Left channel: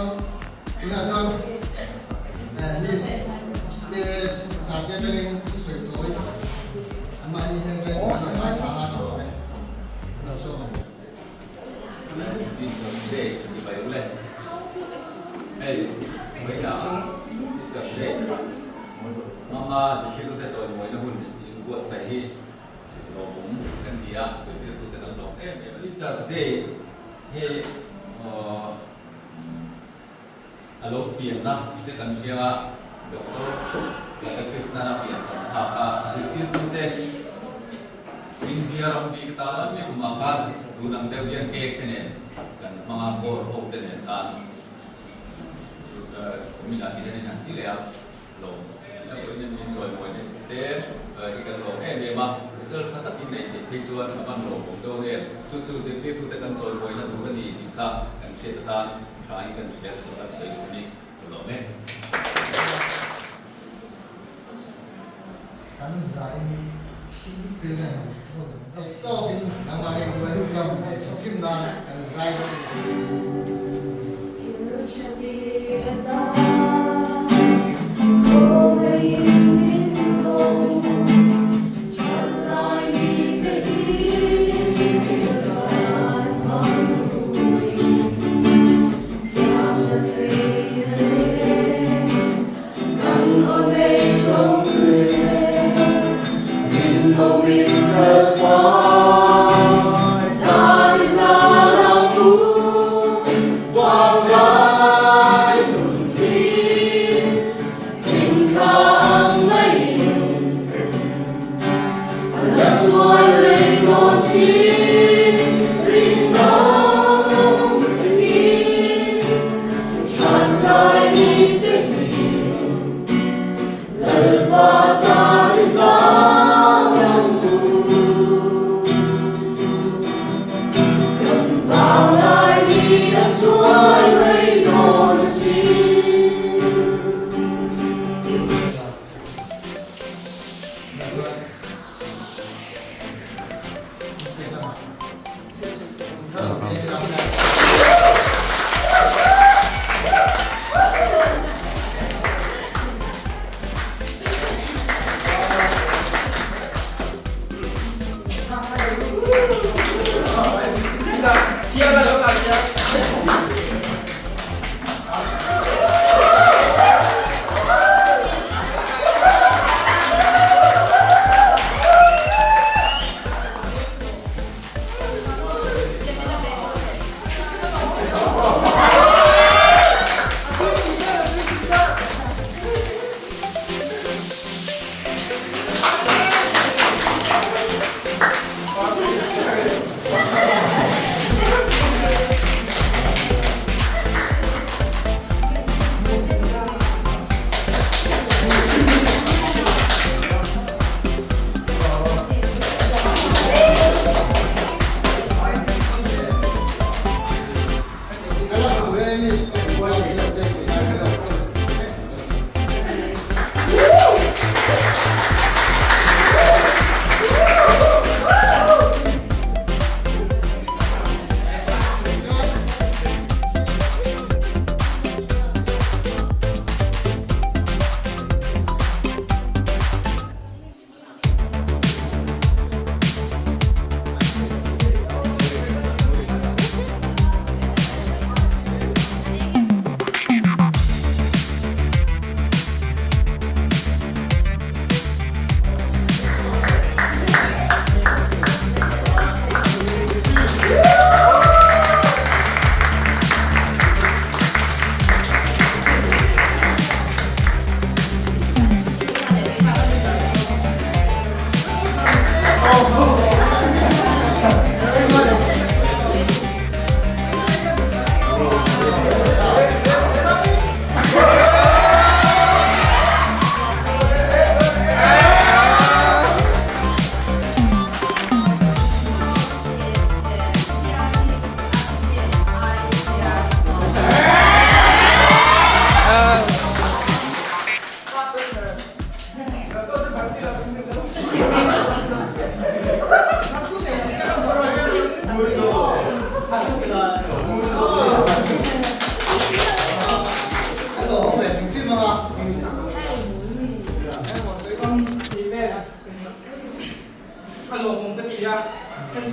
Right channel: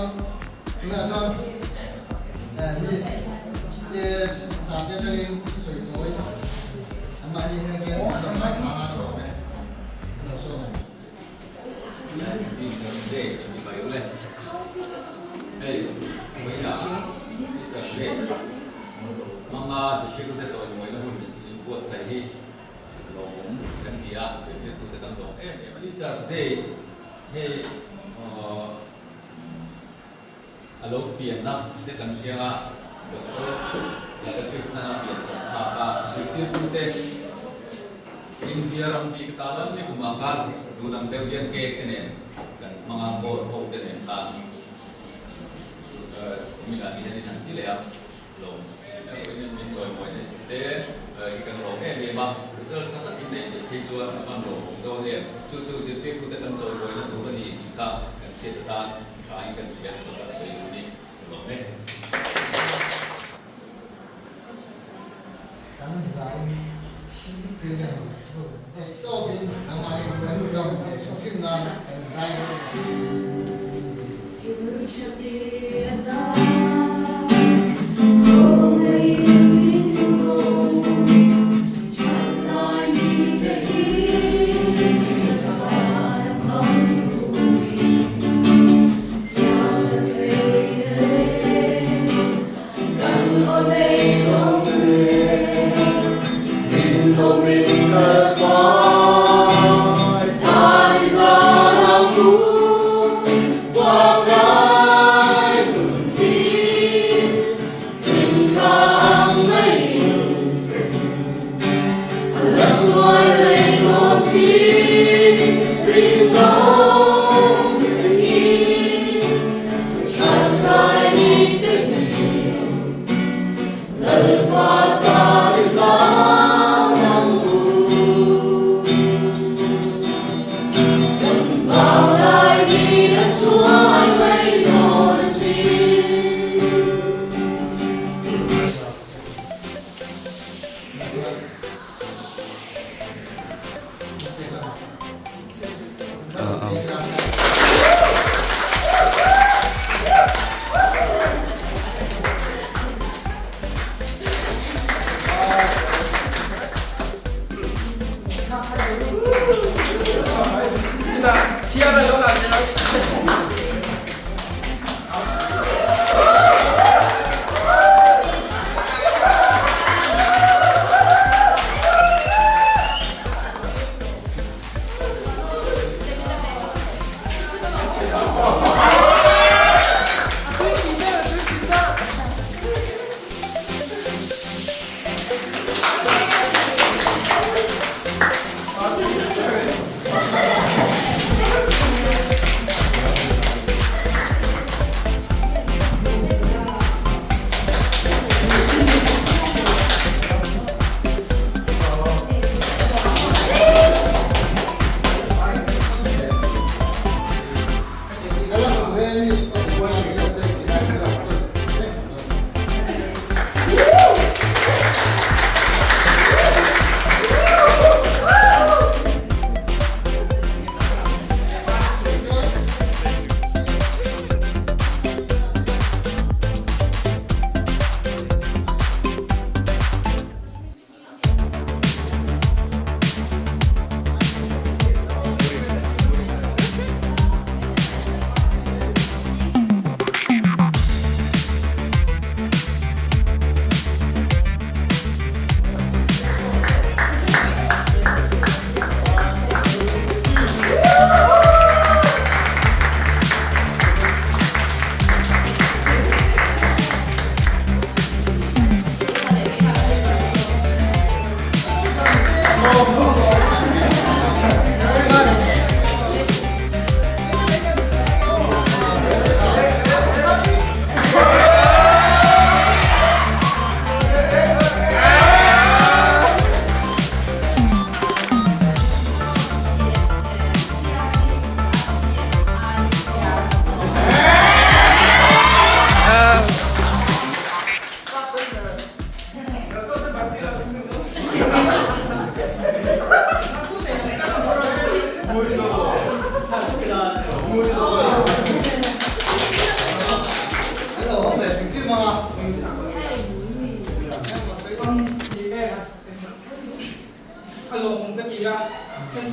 Cho Miss để sắp đến cho nên sửa tối anh mà đi nên là phải thả rồi là số đi để phải lên đây mấy là cái mama chỉ có thể rồi mỗi năm mình buat saya lồng kan dia jadi tu dalam lồng em just day hey alo pian na kita kan siapa doktor yang Krishna na pian sama apa sikit tu India ram di ketalan ni kumakan gunang tewian kek ni kan mengabor hope dan kan minat ini nanti le lo ini enjoy point de ikan lo memang result kata ini tujuan apa lo untuk dia cucu jadi kita kan enjoy point itu kan di kita kan setelah try kan sudah tetap saya ini lo kan saya student to bin हमारे welcome kim na kan saya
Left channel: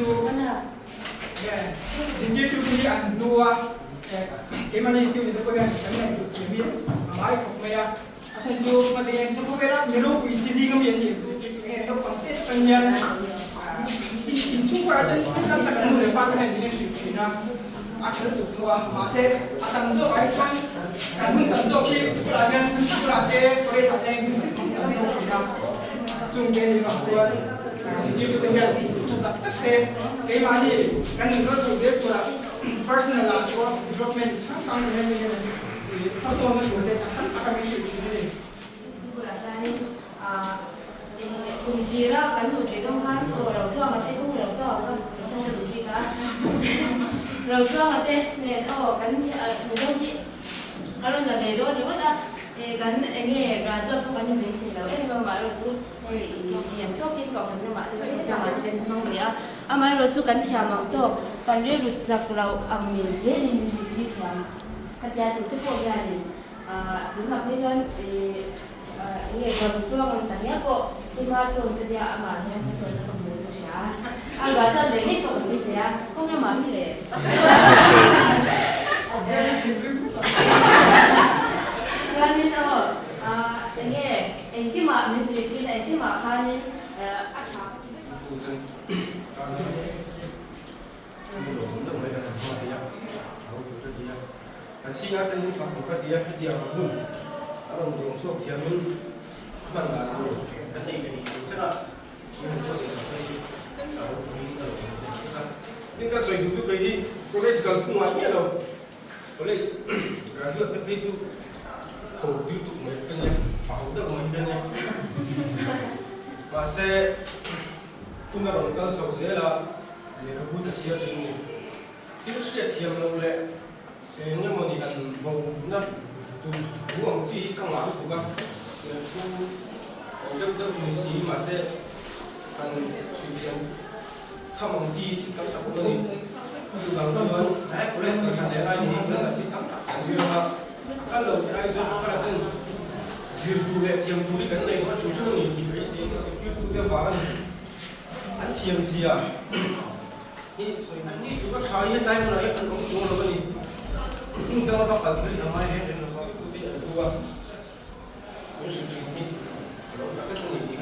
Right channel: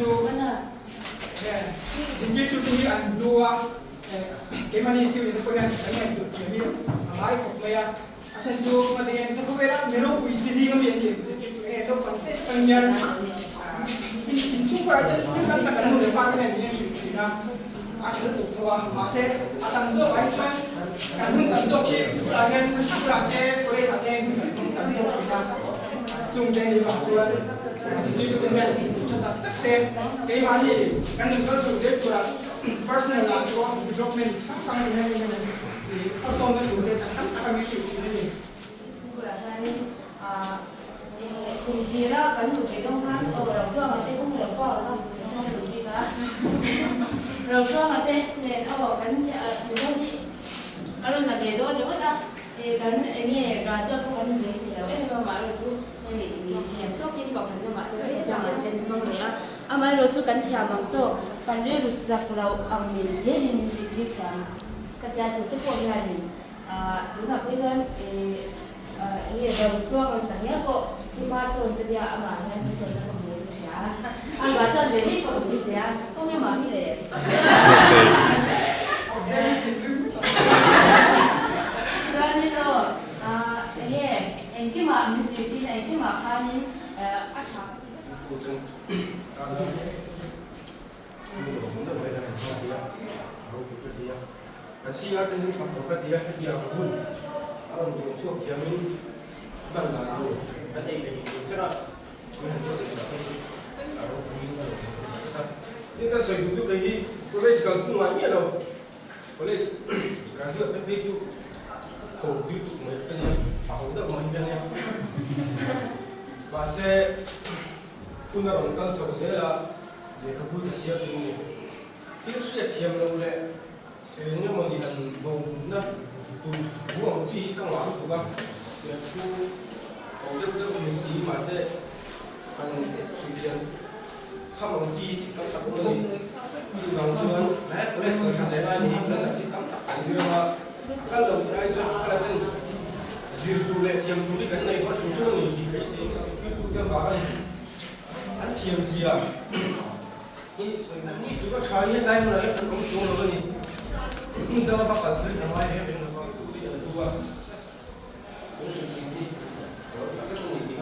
chú chính chú cũng đi ăn đua cái mà đi siêu thì tôi quen cái này được kiểm biết máy của mày sen chú mà thì em không biết đó nhiều lúc vì gì cái miệng gì cái đâu phần tết tăng nhân chú qua chứ không cần cái người quan cái này thì sự là akan tutua masih akan zo ai chuan kan hun tan zo khi su la gen su la ke kore sa ten tan zo khi na chung ke ni ba chuan su ni tu den chu ta tak ke ma ni kan ni ko su je chu la personal la chu development ta ni ni ni personal na tu de kan ta mi su chu ni cùng chia ra cái nụ cười đông han rồi làm cho mà tên không được cho đâu không được gì cả rồi cho mà tên này nó cái thủ đông chị đó là về đó rồi đó cái nghe ra cho có cái như vậy xí rồi em mà rồi chú thì thèm tốt kim còn mình mà tôi biết là mình tên không vậy à mà rồi chú cái thèm mà tôi còn riêng được giặc lâu mình dễ nên đi thèm cái gia đình chức công gia đình đúng là bây giờ thì nghe được chuông là nhớ cô đi qua sườn từ giờ mà nghe cái sườn nó không được sao anh bảo cho để biết không được gì không nên mà như thế cho nên đó nghe em cái mà mình chỉ cái này cái mà khai nên ác hả Kasi atin yung kapagkatiya hindi ako hun. Alam mo yung suwag yamin bang lalo. Kasi kaya yung proses atin ako kunin ko. Ini kan soal itu kayak college kalau pun lagi ada college graduate tapi itu kau itu mereka ni aku dah mau hidupnya. Masa kuna rontal cakap dia kabut siapa tu. Itu siapa yang mula nhưng mà thì là bầu nó tụ uống chi càng lắm tụ các khu đất mình xí mà sẽ ăn suy chiến không bằng chi các tập của mình như đồng xuân đấy police cần thành để ai thì nó là cái tấm cảnh duyên là các lồng ai cho các là tên duyên tụ lệ tiêm tụ cái này nó chủ trương mình thì cái gì nó sẽ biết tụ cái vào ăn tiêm gì àนี่ส่วนนี้สุดก็ใช้ในใจมันเลยมันต้องโจรเลยนี่ก็ว่าปัจจุบันทำไมเนี่ยมันก็เป็นตัวรู้สึกจริงๆเดี๋ยวเราจะต้องมี